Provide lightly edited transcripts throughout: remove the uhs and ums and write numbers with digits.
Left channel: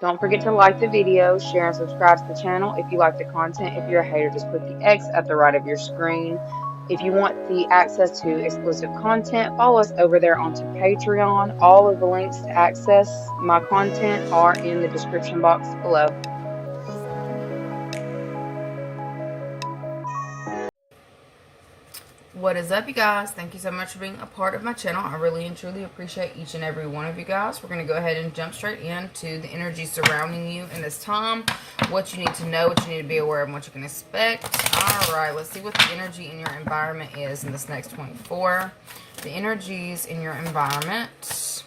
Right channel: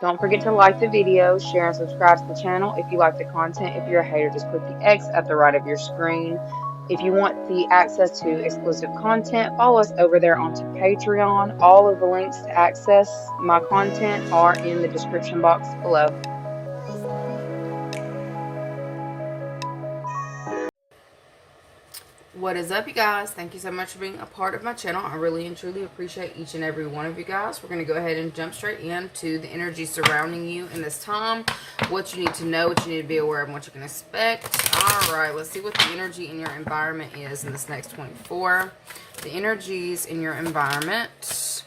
Don't forget to like the video, share and subscribe to the channel if you like the content. If you're a hater, just click the X at the right of your screen. If you want the access to exclusive content, follow us over there onto Patreon. All of the links to access my content are in the description box below. What is up, you guys? Thank you so much for being a part of my channel. I really and truly appreciate each and every one of you guys. We're going to go ahead and jump straight into the energy surrounding you in this time, what you need to know, what you need to be aware of, and what you can expect. All right, let's see what the energy in your environment is in this next 24. The energies in your environment:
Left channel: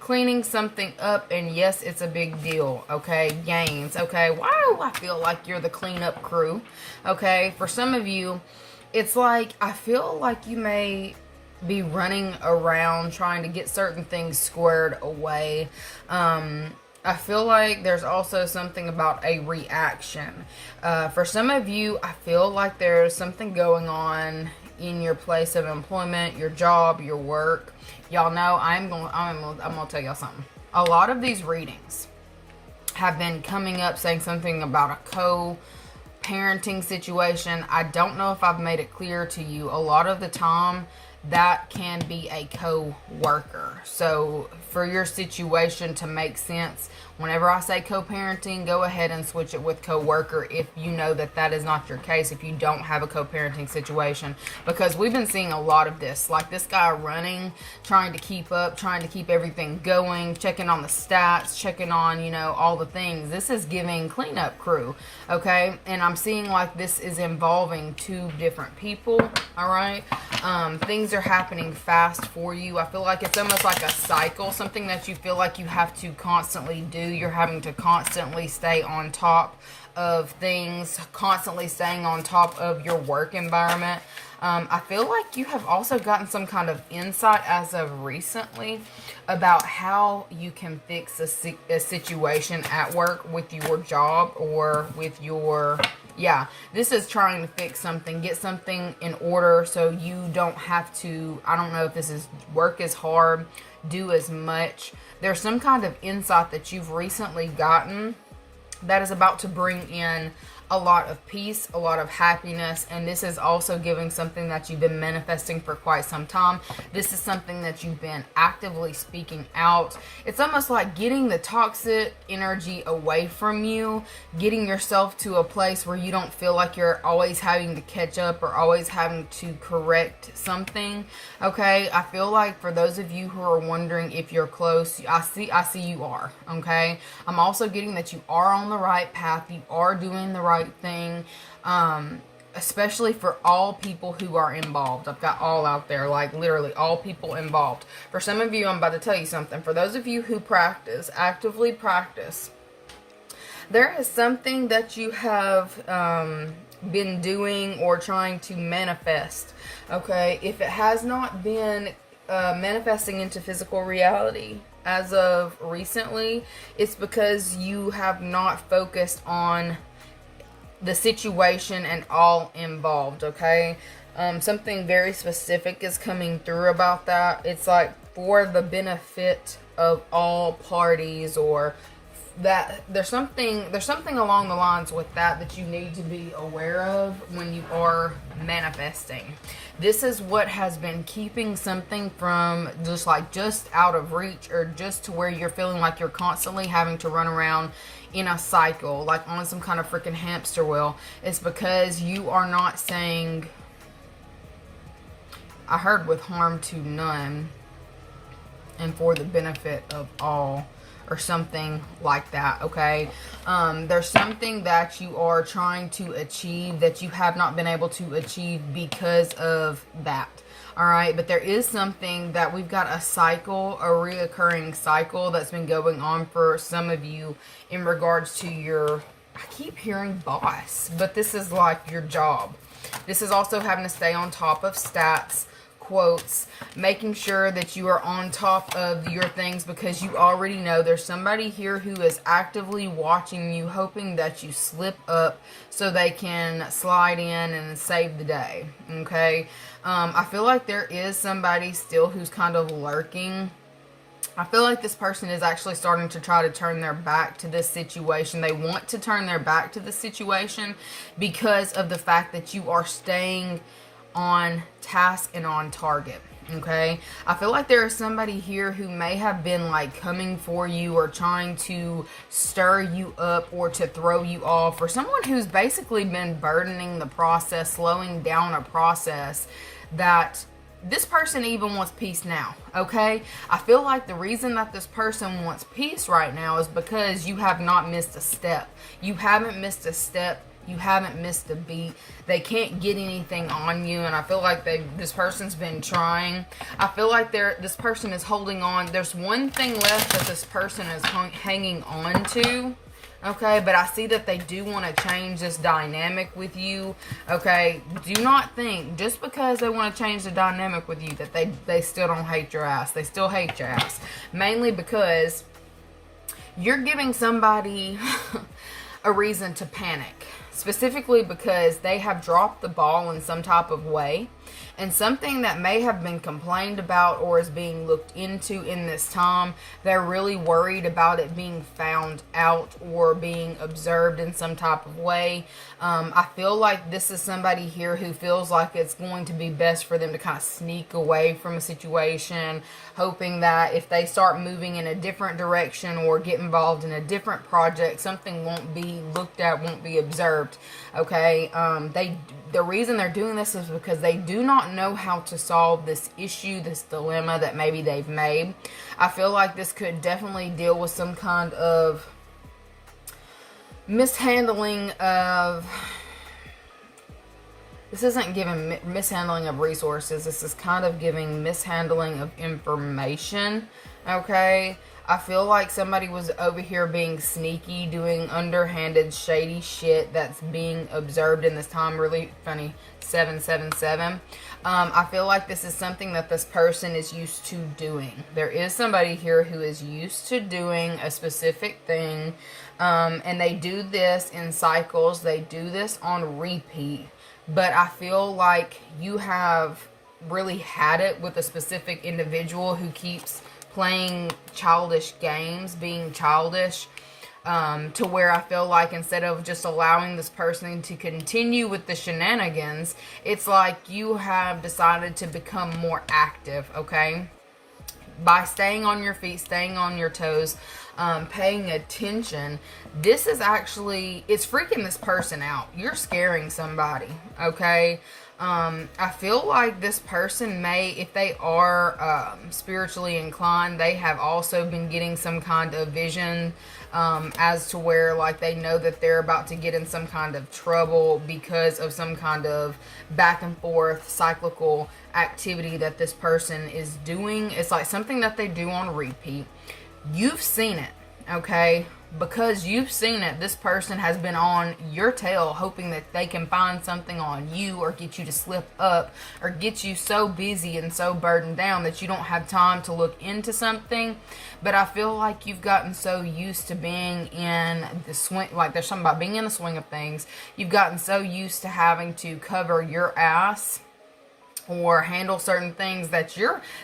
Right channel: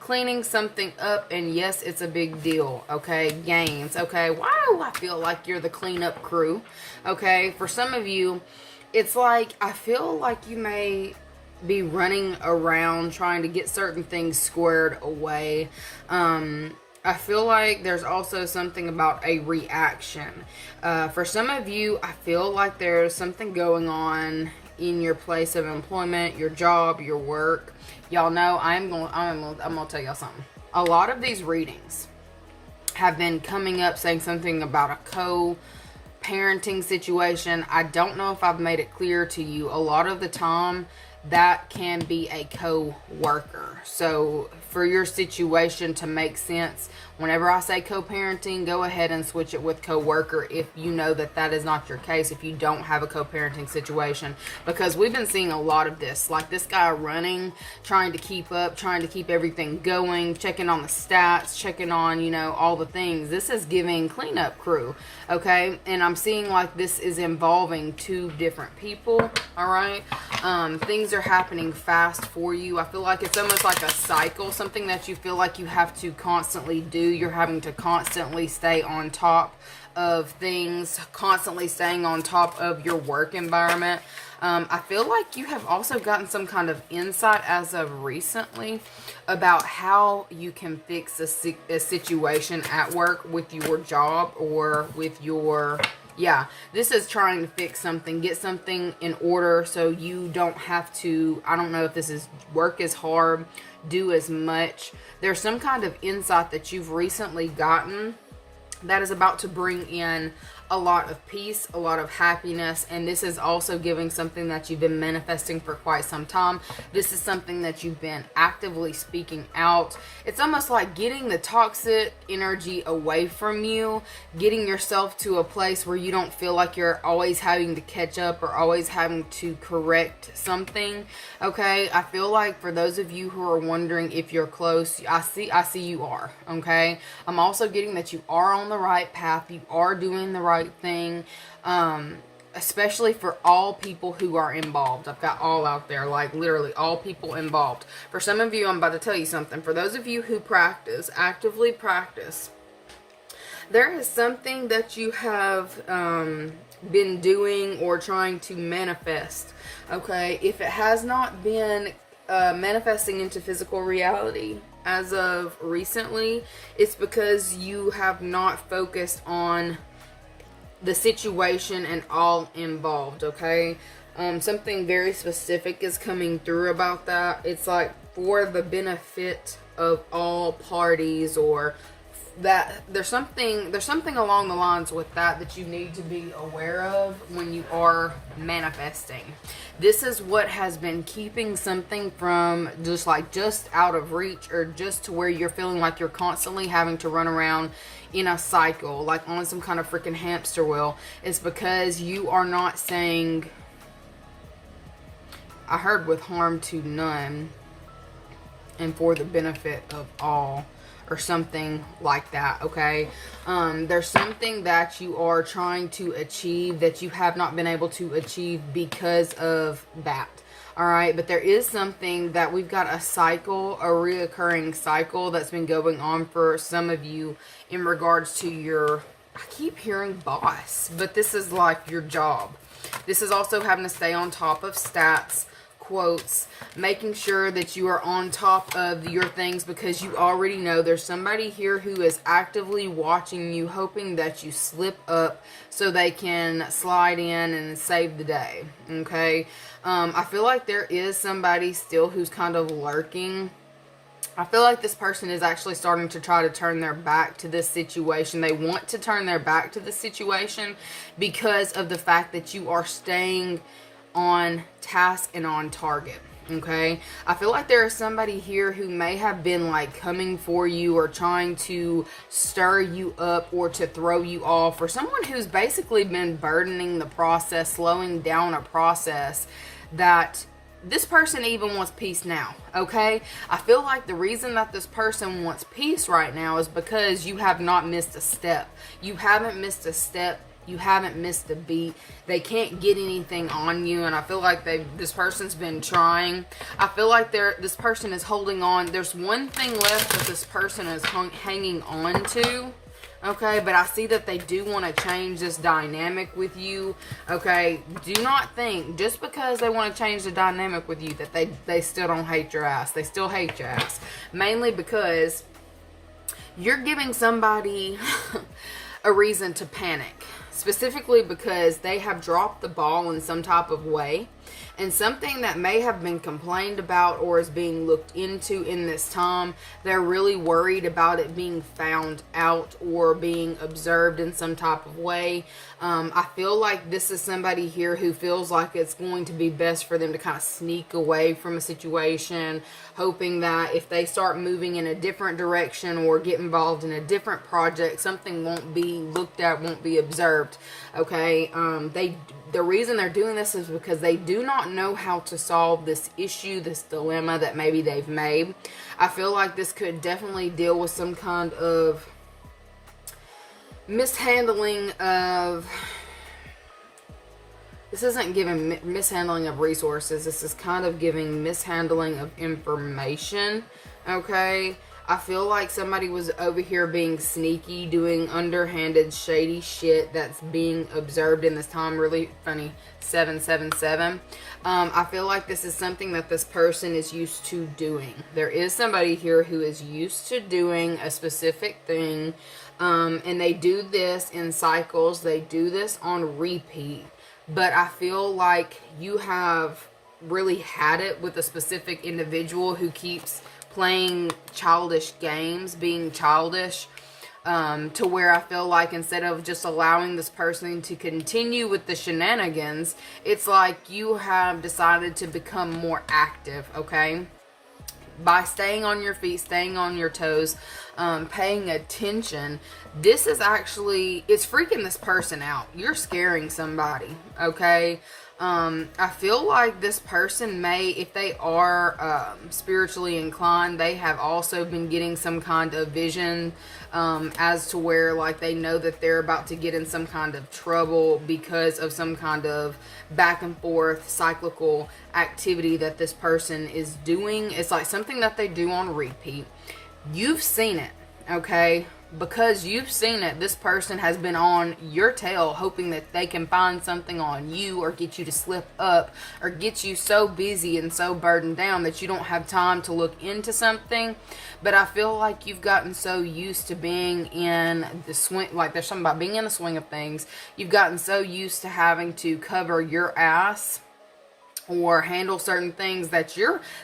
cleaning something up, and yes, it's a big deal. Okay, gains. Okay, why do I feel like you're the cleanup crew? Okay, for some of you, it's like I feel like you may be running around trying to get certain things squared away. I feel like there's also something about a reaction. For some of you, I feel like there's something going on in your place of employment, your job, your work. Y'all know I'm gonna tell y'all something. A lot of these readings have been coming up saying something about a parenting situation. I don't know if I've made it clear to you. A lot of the time, that can be a co-worker. So for your situation to make sense, whenever I say co-parenting, go ahead and switch it with co-worker if you know that that is not your case, if you don't have a co-parenting situation. Because we've been seeing a lot of this, like this guy running, trying to keep up, trying to keep everything going, checking on the stats, checking on, you know, all the things. This is giving cleanup crew, okay? And I'm seeing like this is involving two different people, all right? Things are happening fast for you. I feel like it's almost like a cycle, something that you feel like you have to constantly do. You're having to constantly stay on top of things, constantly staying on top of your work environment. I feel like you have also gotten some kind of insight as of recently about how you can fix a situation at work with your job or with your, yeah, this is trying to fix something, get something in order so you don't have to, I don't know if this is work as hard, do as much. There's some kind of insight that you've recently gotten that is about to bring in a lot of peace, a lot of happiness, and this is also giving something that you've been manifesting for quite some time. This is something that you've been actively speaking out. It's almost like getting the toxic energy away from you, getting yourself to a place where you don't feel like you're always having to catch up or always having to correct something. Okay, I feel like for those of you who are wondering if you're close, I see you are. Okay, I'm also getting that you are on the right path, you are doing the right thing, especially for all people who are involved. I've got all out there, like literally all people involved. For some of you, I'm about to tell you something. For those of you who practice, actively practice, there is something that you have been doing or trying to manifest. Okay, if it has not been manifesting into physical reality as of recently, it's because you have not focused on the situation and all involved. Okay, something very specific is coming through about that. It's like for the benefit of all parties, or that there's something along the lines with that you need to be aware of when you are manifesting. This is what has been keeping something from just out of reach, or just to where you're feeling like you're constantly having to run around in a cycle, like on some kind of freaking hamster wheel. It's because you are not saying, I heard, with harm to none and for the benefit of all, or something like that. Okay, there's something that you are trying to achieve that you have not been able to achieve because of that. All right, but there is something that we've got a cycle, a reoccurring cycle that's been going on for some of you in regards to your, I keep hearing boss, but this is like your job. This is also having to stay on top of stats, quotes, making sure that you are on top of your things, because you already know there's somebody here who is actively watching you, hoping that you slip up so they can slide in and save the day. Okay, I feel like there is somebody still who's kind of lurking I feel like this person is actually starting to try to turn their back to this situation. They want to turn their back to this situation because of the fact that you are staying on task and on target. Okay, I feel like there is somebody here who may have been like coming for you or trying to stir you up or to throw you off, or someone who's basically been burdening the process, slowing down a process that this person even wants peace now. Okay, I feel like the reason that this person wants peace right now is because you have not missed a step. You haven't missed a step. You haven't missed a beat. They can't get anything on you, and I feel like this person's been trying. I feel like this person is holding on. There's one thing left that this person is hanging on to. Okay, but I see that they do want to change this dynamic with you. Okay, do not think just because they want to change the dynamic with you that they still don't hate your ass. They still hate your ass. Mainly because you're giving somebody a reason to panic. Specifically because they have dropped the ball in some type of way, and something that may have been complained about or is being looked into in this time, they're really worried about it being found out or being observed in some type of way. I feel like this is somebody here who feels like it's going to be best for them to kind of sneak away from a situation, hoping that if they start moving in a different direction or get involved in a different project, something won't be looked at, won't be observed. Okay, the reason they're doing this is because they do not know how to solve this issue, this dilemma that maybe they've made. I feel like this could definitely deal with some kind of mishandling of, this isn't giving mishandling of resources, this is kind of giving mishandling of information. Okay, I feel like somebody was over here being sneaky, doing underhanded, shady shit that's being observed in this time. Really funny, 777. I feel like this is something that this person is used to doing. There is somebody here who is used to doing a specific thing, and they do this in cycles. They do this on repeat. But I feel like you have really had it with a specific individual who keeps playing childish games, being childish, to where I feel like instead of just allowing this person to continue with the shenanigans, it's like you have decided to become more active, okay? By staying on your feet, staying on your toes, paying attention. This is actually, it's freaking this person out. You're scaring somebody, okay? I feel like this person may, if they are spiritually inclined, they have also been getting some kind of vision as to where like they know that they're about to get in some kind of trouble because of some kind of back and forth cyclical activity that this person is doing. It's like something that they do on repeat. You've seen it, okay? Because you've seen it, this person has been on your tail hoping that they can find something on you or get you to slip up or get you so busy and so burdened down that you don't have time to look into something. But I feel like you've gotten so used to being in the swing, like there's something about being in the swing of things. You've gotten so used to having to cover your ass or handle certain things that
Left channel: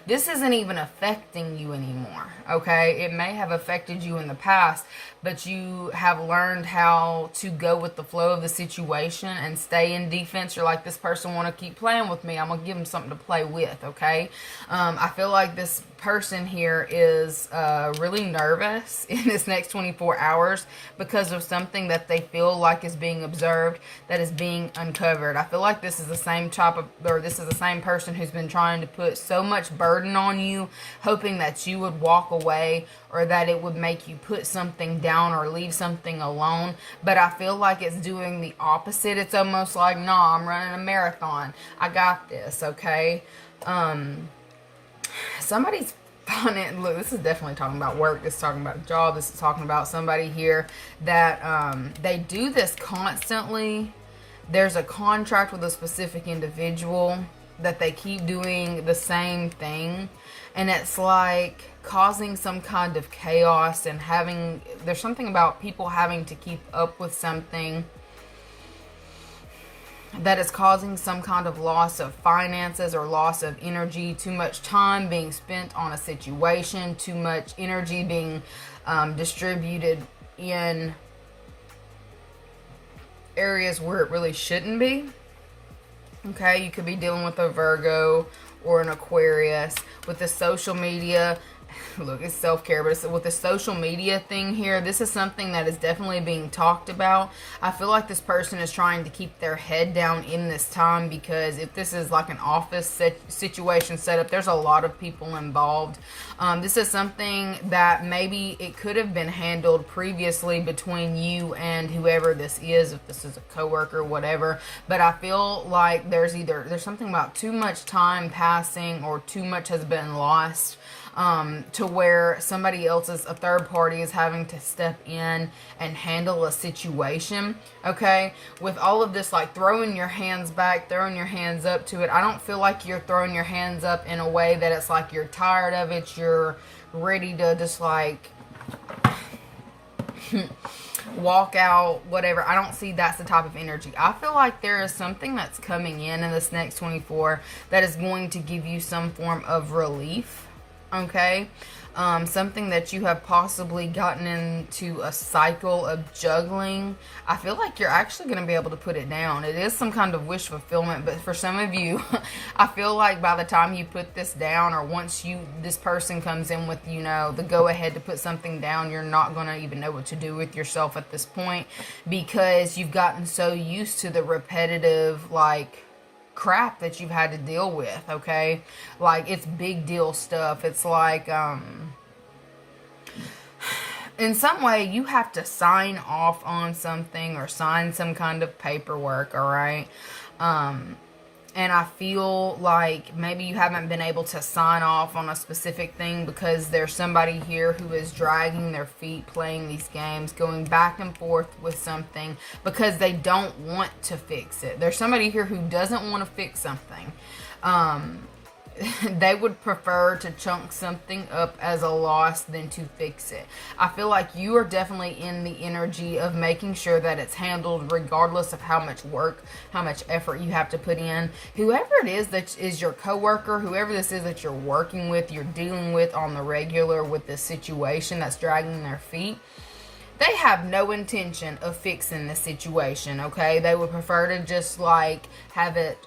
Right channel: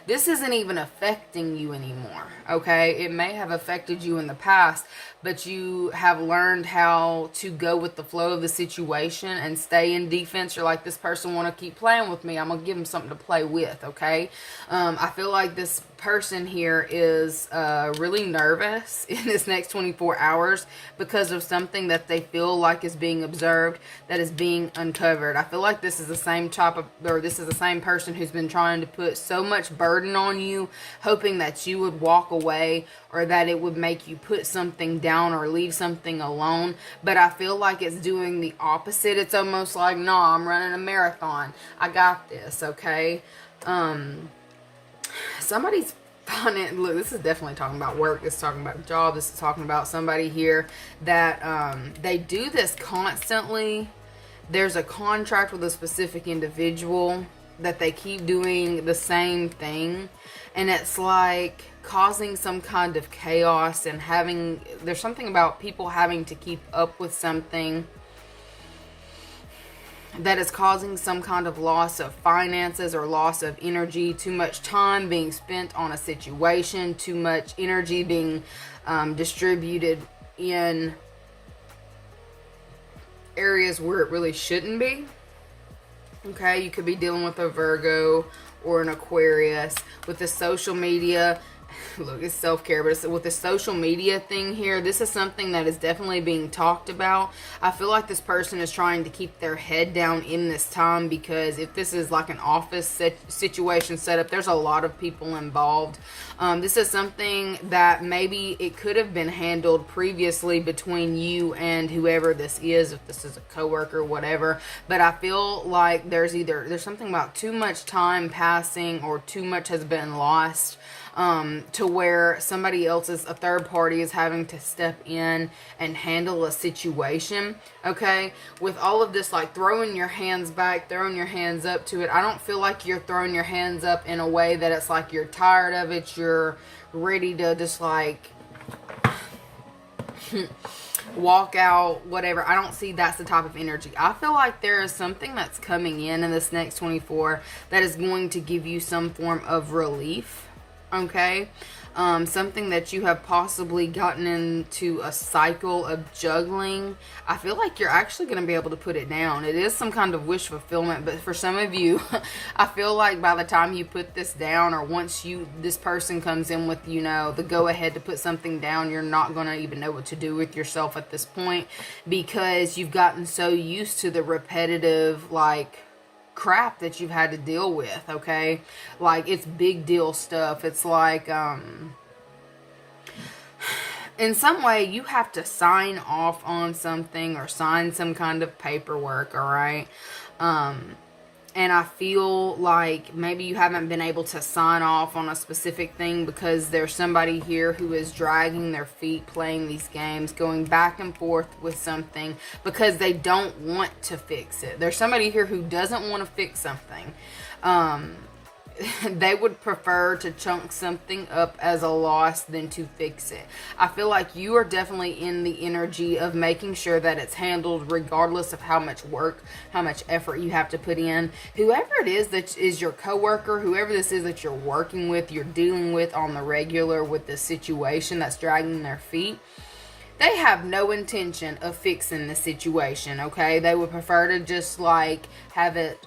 this isn't even affecting you anymore, okay? It may have affected you in the past, but you have learned how to go with the flow of the situation and stay in defense. You're like, this person want to keep playing with me, I'm gonna give them something to play with, okay? I feel like this person here is really nervous in this next 24 hours because of something that they feel like is being observed, that is being uncovered. I feel like this is the same person who's been trying to put so much burden on you, hoping that you would walk away or that it would make you put something down or leave something alone. But I feel like it's doing the opposite. It's almost like, no, I'm running a marathon, I got this, okay? Somebody's finding, look, this is definitely talking about work, this is talking about a job, this is talking about somebody here that they do this constantly. There's a contract with a specific individual that they keep doing the same thing, and it's like causing some kind of chaos and there's something about people having to keep up with something. that is causing some kind of loss of finances or loss of energy, too much time being spent on a situation, too much energy being distributed in areas where it really shouldn't be. Okay, you could be dealing with a Virgo or an Aquarius. With the social media, look, it's self-care, but it's with the social media thing here, this is something that is definitely being talked about. I feel like this person is trying to keep their head down in this time, because if this is like an office situation set up, there's a lot of people involved. This is something that maybe it could have been handled previously between you and whoever this is, if this is a coworker, whatever. But I feel like there's something about too much time passing, or too much has been lost, to where somebody else, a third party, is having to step in and handle a situation. Okay, with all of this, like throwing your hands back, throwing your hands up to it, I don't feel like you're throwing your hands up in a way that it's like you're tired of it, you're ready to just like walk out, whatever. I don't see that's the type of energy. I feel like there is something that's coming in this next 24 that is going to give you some form of relief. Okay, something that you have possibly gotten into a cycle of juggling. I feel like you're actually going to be able to put it down. It is some kind of wish fulfillment, but for some of you, I feel like by the time you put this down, or once this person comes in with, the go ahead to put something down, you're not going to even know what to do with yourself at this point, because you've gotten so used to the repetitive, like, crap that you've had to deal with. Okay, like it's big deal stuff. It's like in some way you have to sign off on something or sign some kind of paperwork. All right, and I feel like maybe you haven't been able to sign off on a specific thing because there's somebody here who is dragging their feet, playing these games, going back and forth with something because they don't want to fix it. There's somebody here who doesn't want to fix something. They would prefer to chunk something up as a loss than to fix it. I feel like you are definitely in the energy of making sure that it's handled regardless of how much work, how much effort you have to put in. Whoever it is that is your coworker, whoever this is that you're working with, you're dealing with on the regular with this situation that's dragging their feet, they have no intention of fixing the situation, okay? They would prefer to just like have it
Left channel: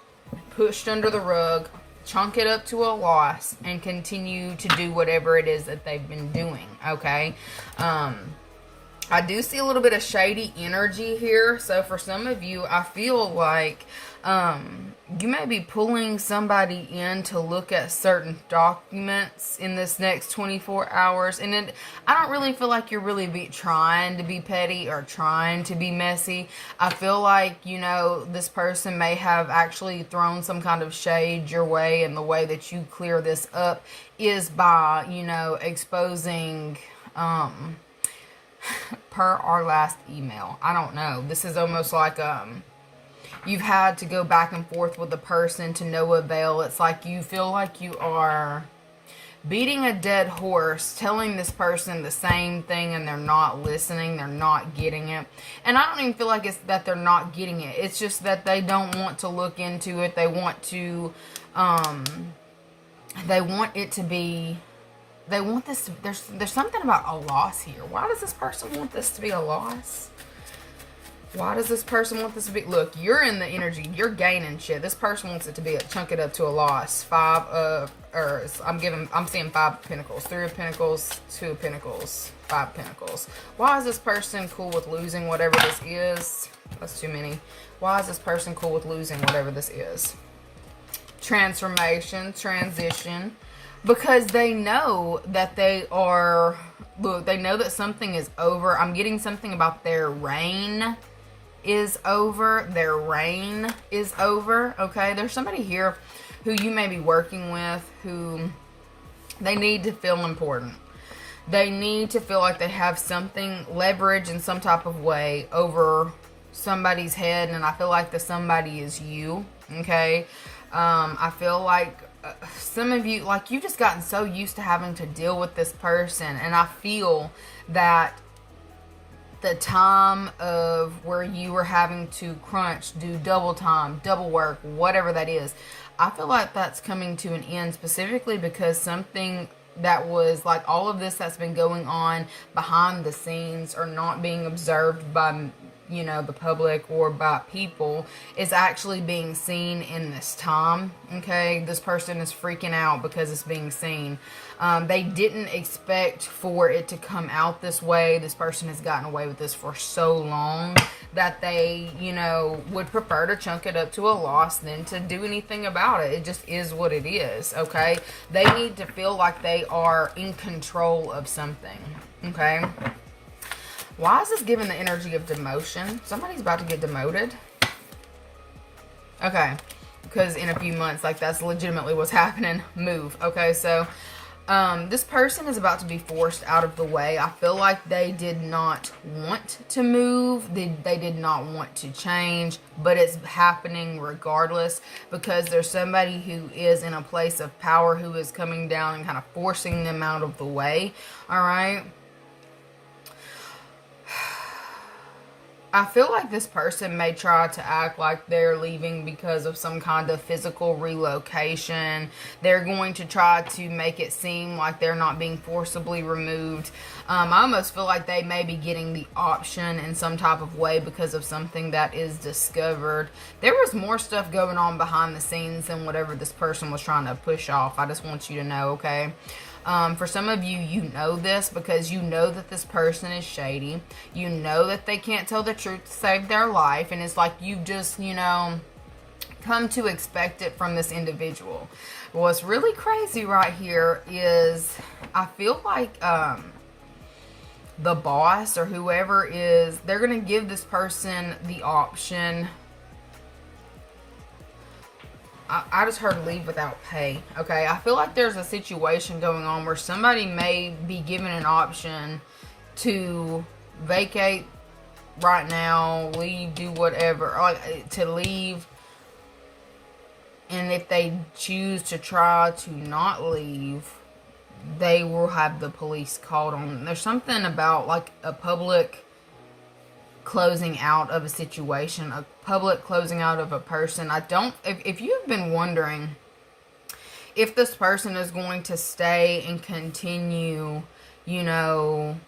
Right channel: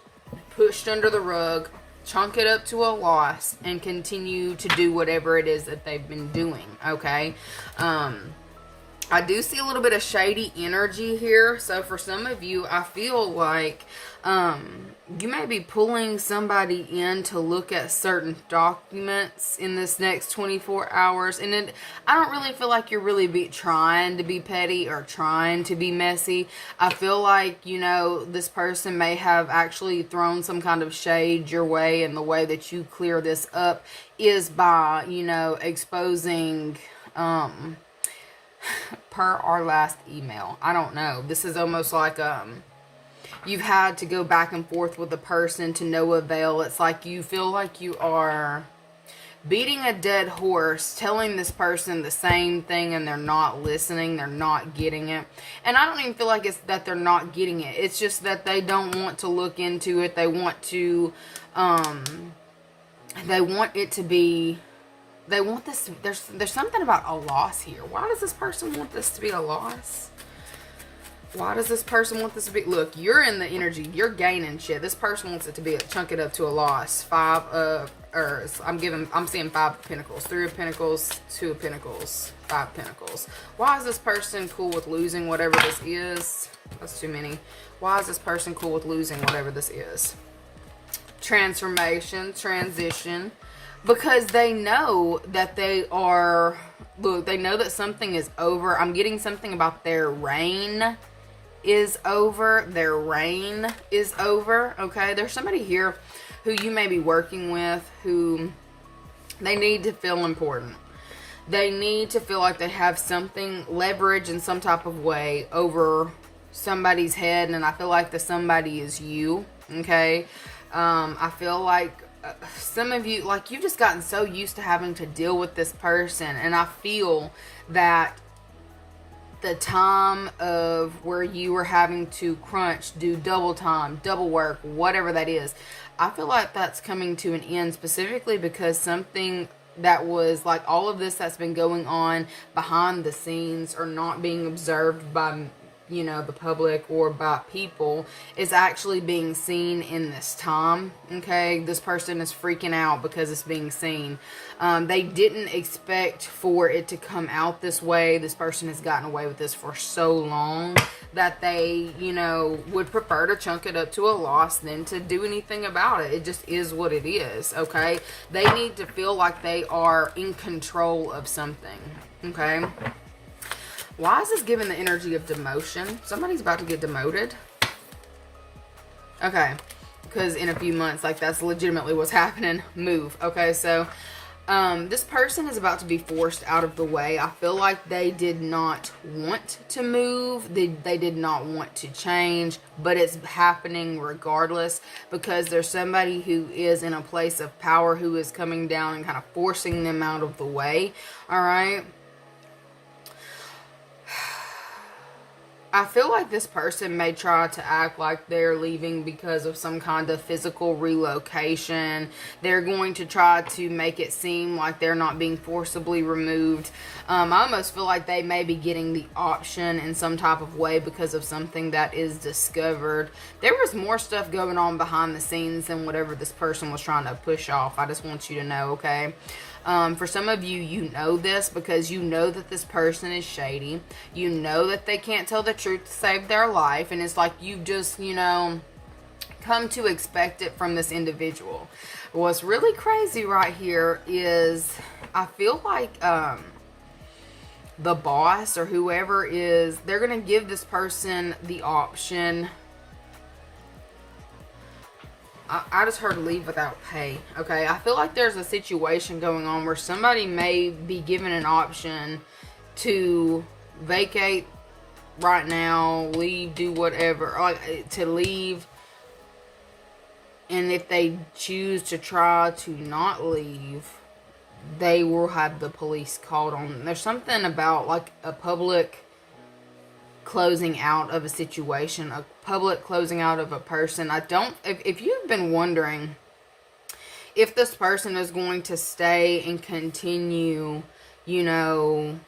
pushed under the rug, chunk it up to a loss, and continue to do whatever it is that they've been doing. Okay, I do see a little bit of shady energy here. So for some of you, I feel like you may be pulling somebody in to look at certain documents in this next 24 hours. And I don't really feel like you're really trying to be petty or trying to be messy. I feel like, this person may have actually thrown some kind of shade your way, and the way that you clear this up is by, exposing, per our last email. I don't know. This is almost like, you've had to go back and forth with the person to no avail. It's like you feel like you are beating a dead horse, telling this person the same thing, and they're not listening, they're not getting it. And I don't even feel like it's that they're not getting it. It's just that they don't want to look into it. They want to, they want it to be, they want this, there's something about a loss here. Why does this person want this to be a loss? Why does this person want this to be? Look, you're in the energy. You're gaining shit. This person wants it to be chunk it up to a loss. I'm seeing 5 of Pentacles, 3 of Pentacles, 2 of Pentacles, 5 Pentacles. Why is this person cool with losing whatever this is? That's too many. Why is this person cool with losing whatever this is? Transformation, transition. Because they know that they are, look, they know that something is over. I'm getting something about their reign is over. Their reign is over, okay? There's somebody here who you may be working with who they need to feel important. They need to feel like they have something, leverage in some type of way over somebody's head, and I feel like the somebody is you, okay? I feel like some of you, like, you've just gotten so used to having to deal with this person, and I feel that the time of where you were having to crunch, do double time, double work, whatever that is. I feel like that's coming to an end, specifically because something that was like all of this that's been going on behind the scenes or not being observed by, you know, the public or by people is actually being seen in this time. Okay, this person is freaking out because it's being seen. They didn't expect for it to come out this way. This person has gotten away with this for so long that they, you know, would prefer to chunk it up to a loss than to do anything about it. It just is what it is. Okay, they need to feel like they are in control of something. Okay. Why is this giving the energy of demotion? Somebody's about to get demoted. Okay. Because in a few months, like, that's legitimately what's happening. Move. Okay, so this person is about to be forced out of the way. I feel like they did not want to move. They did not want to change. But it's happening regardless. Because there's somebody who is in a place of power who is coming down and kind of forcing them out of the way. Alright? I feel like this person may try to act like they're leaving because of some kind of physical relocation. They're going to try to make it seem like they're not being forcibly removed. I almost feel like they may be getting the option in some type of way because of something that is discovered. There was more stuff going on behind the scenes than whatever this person was trying to push off. I just want you to know, okay? For some of you, you know this because you know that this person is shady. You know that they can't tell the truth to save their life. And it's like you've just, you know, come to expect it from this individual. What's really crazy right here is I feel like the boss or whoever is, they're going to give this person the option. I just heard leave without pay. Okay, I feel like there's a situation going on where somebody may be given an option to vacate right now, leave, do whatever, or to leave. And if they choose to try to not leave, they will have the police called on them. There's something about like a public closing out of a situation, a public closing out of a person. If you've been wondering if this person is going to stay and continue, you know,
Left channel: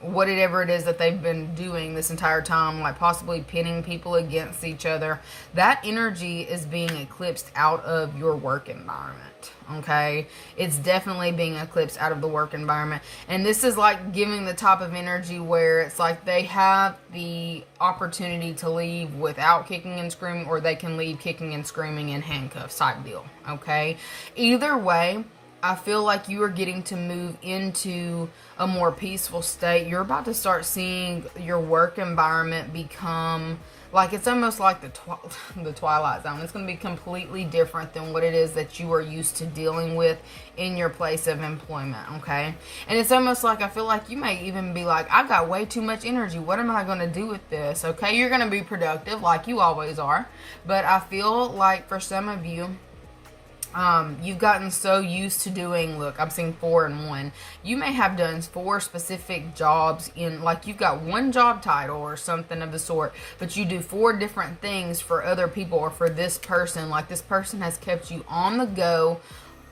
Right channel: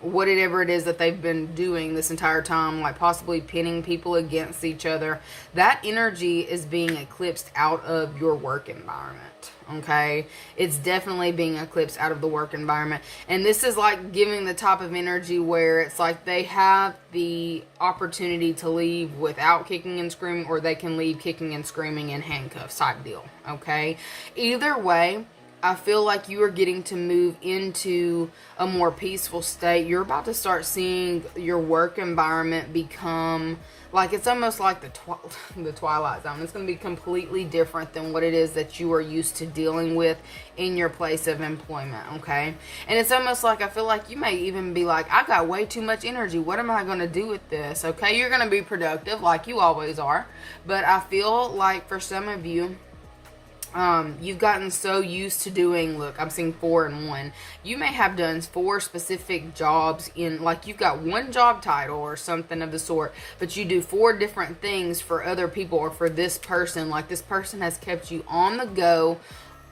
whatever it is that they've been doing this entire time, like possibly pinning people against each other, that energy is being eclipsed out of your work environment. Okay, it's definitely being eclipsed out of the work environment, and this is like giving the type of energy where it's like they have the opportunity to leave without kicking and screaming, or they can leave kicking and screaming in handcuffs type deal. Okay, either way, I feel like you are getting to move into a more peaceful state. You're about to start seeing your work environment become like, it's almost like the Twilight Zone. It's going to be completely different than what it is that you are used to dealing with in your place of employment, okay? And it's almost like, I feel like you may even be like, I got way too much energy. What am I going to do with this? Okay, you're going to be productive like you always are. But I feel like for some of you, you've gotten so used to doing, look, I'm seeing 4 and 1. You may have done 4 specific jobs in, like, you've got one job title or something of the sort, but you do 4 different things for other people or for this person. Like, this person has kept you on the go,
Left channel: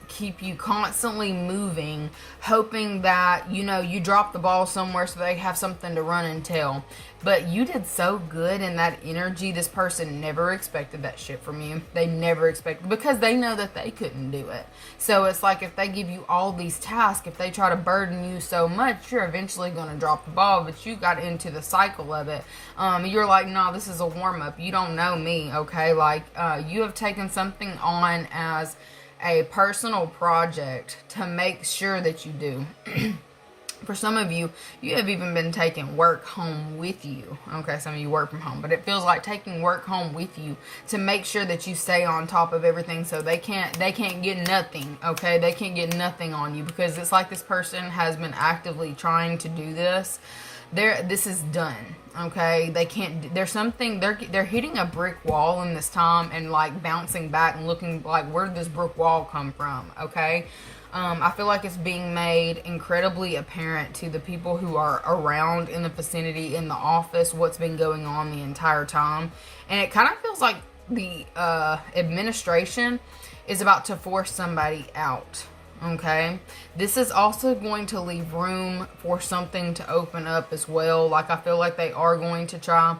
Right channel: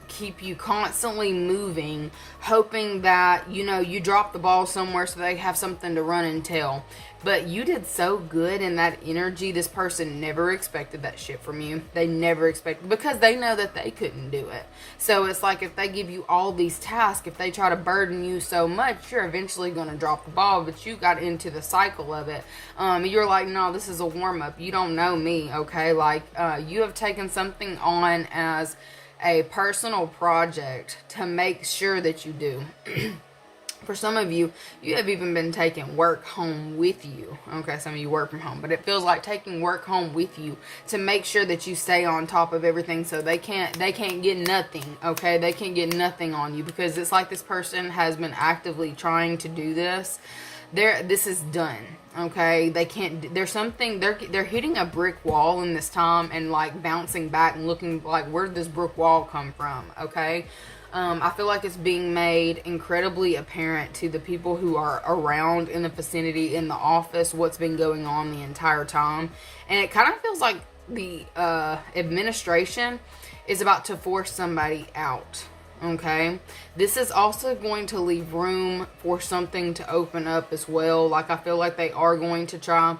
keep you constantly moving, hoping that, you know, you drop the ball somewhere so they have something to run and tell. But you did so good in that energy. This person never expected that shit from you. They never expected, because they know that they couldn't do it. So it's like, if they give you all these tasks, if they try to burden you so much, you're eventually going to drop the ball. But you got into the cycle of it. You're like, no, this is a warm-up. You don't know me, okay? Like, you have taken something on as a personal project to make sure that you do. For some of you, you have even been taking work home with you. Okay, some of you work from home, but it feels like taking work home with you to make sure that you stay on top of everything, so they can't get nothing. Okay, they can't get nothing on you, because it's like this person has been actively trying to do this. This is done. Okay, they can't. There's something. They're hitting a brick wall in this time and like bouncing back and looking like, where did this brick wall come from? Okay. I feel like it's being made incredibly apparent to the people who are around in the vicinity, in the office, what's been going on the entire time. And it kind of feels like the administration is about to force somebody out. Okay, this is also going to leave room for something to open up as well. Like, I feel like they are going to try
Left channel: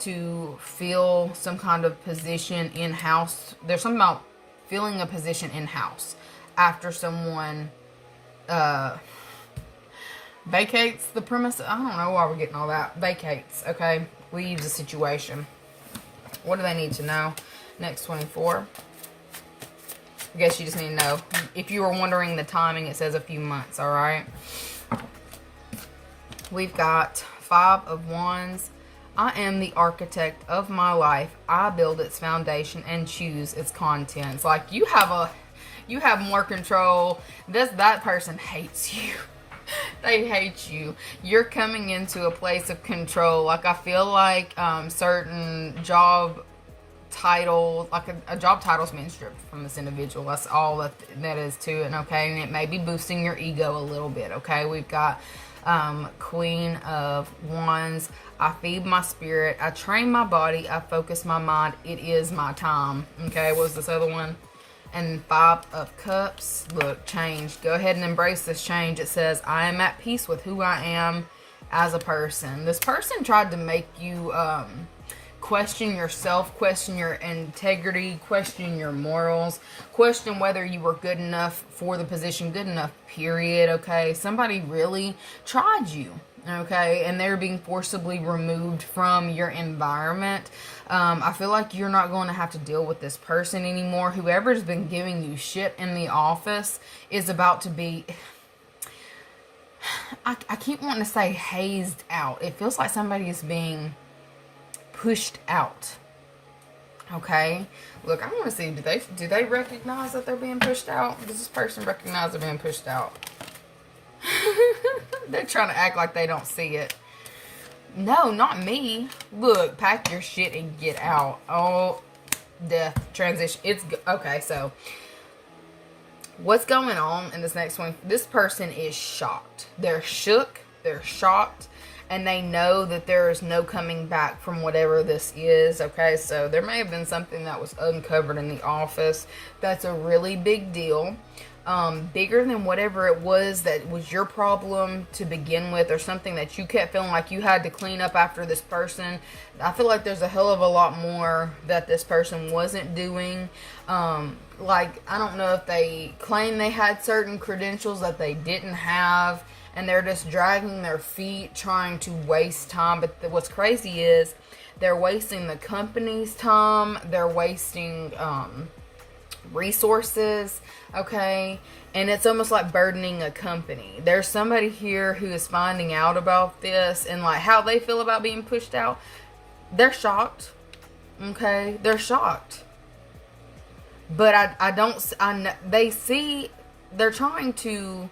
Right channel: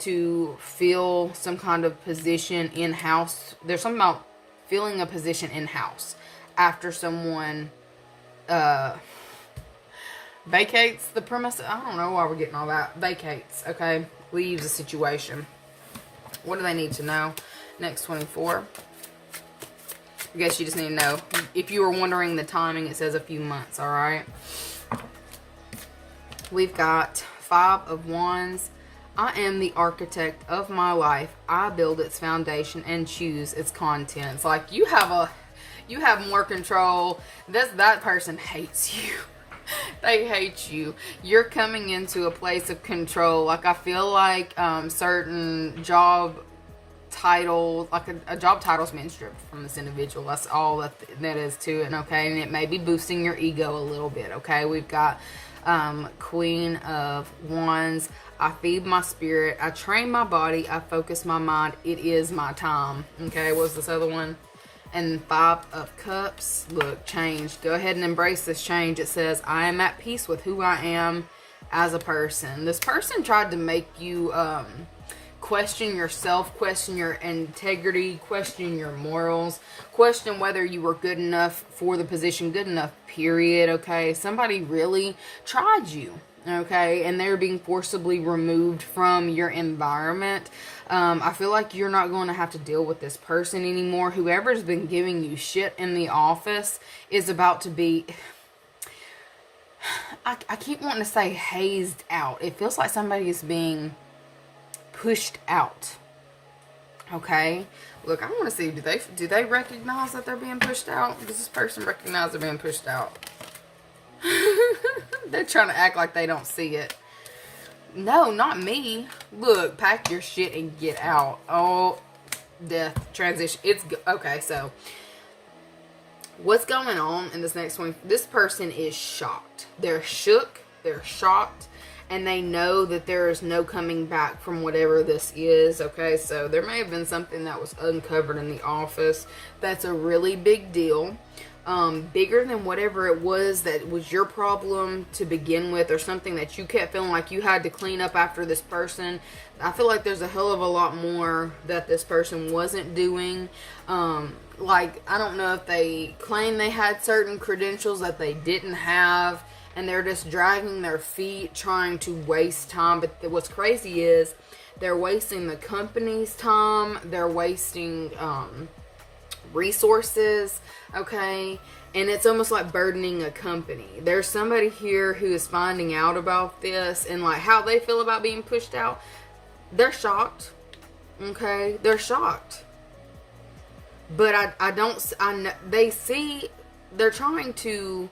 to fill some kind of position in-house. There's something about filling a position in-house after someone vacates the premise. I don't know why we're getting all that. Vacates, okay? Leaves the situation. What do they need to know? Next 24. I guess you just need to know. If you were wondering the timing, it says a few months, alright? We've got 5 of Wands. I am the architect of my life. I build its foundation and choose its contents. Like, you have more control. That person hates you. They hate you. You're coming into a place of control. Like, I feel like certain job title, like a job title's being stripped from this individual. That's all that is to it. Okay, and it may be boosting your ego a little bit. Okay, we've got Queen of Wands. I feed my spirit, I train my body, I focus my mind. It is my time. Okay, what was this other one? And 5 of Cups. Look, change. Go ahead and embrace this change. It says, I am at peace with who I am as a person. This person tried to make you question yourself, question your integrity, question your morals, question whether you were good enough for the position, good enough, period. Okay, somebody really tried you. Okay, and they're being forcibly removed from your environment. I feel like you're not going to have to deal with this person anymore. Whoever's been giving you shit in the office is about to be, I keep wanting to say hazed out. It feels like somebody is being pushed out. Okay, look, I want to see, do they recognize that they're being pushed out? Does this person recognize they're being pushed out? They're trying to act like they don't see it. No, not me. Look, pack your shit and get out. Oh, death, transition. It's okay. So what's going on in this next one? This person is shocked. They're shook, they're shocked, and they know that there is no coming back from whatever this is. Okay, so there may have been something that was uncovered in the office that's a really big deal. Bigger than whatever it was that was your problem to begin with, or something that you kept feeling like you had to clean up after this person. I feel like there's a hell of a lot more that this person wasn't doing. Like, I don't know if they claim they had certain credentials that they didn't have, and they're just dragging their feet trying to waste time. But what's crazy is they're wasting the company's time. They're wasting resources, okay? And it's almost like burdening a company. There's somebody here who is finding out about this and like how they feel about being pushed out. They're shocked, okay? They're shocked. But they see, they're trying to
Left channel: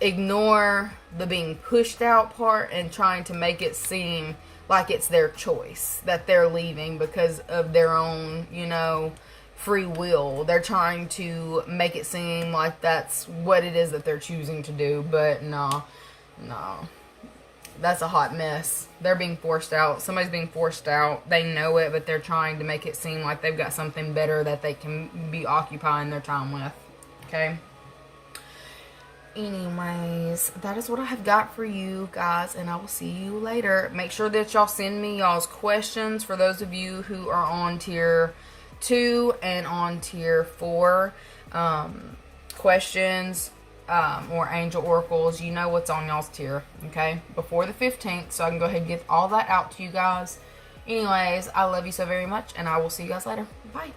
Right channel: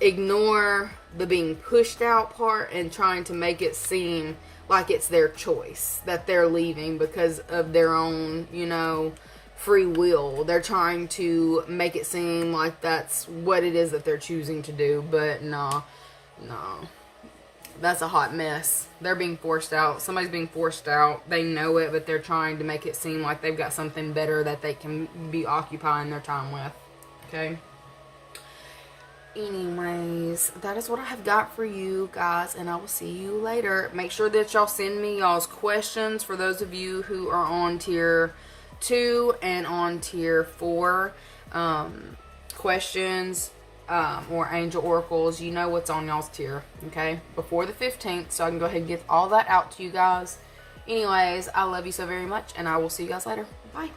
ignore the being pushed out part and trying to make it seem like it's their choice that they're leaving because of their own, free will. They're trying to make it seem like that's what it is that they're choosing to do, but no, that's a hot mess. They're being forced out. Somebody's being forced out. They know it, but they're trying to make it seem like they've got something better that they can be occupying their time with. Okay? Anyways, that is what I have got for you guys, and I will see you later. Make sure that y'all send me y'all's questions for those of you who are on tier 2 and on tier 4. Questions or angel oracles, you know what's on y'all's tier, okay? Before the 15th, so I can go ahead and get all that out to you guys. Anyways, I love you so very much, and I will see you guys later. Bye.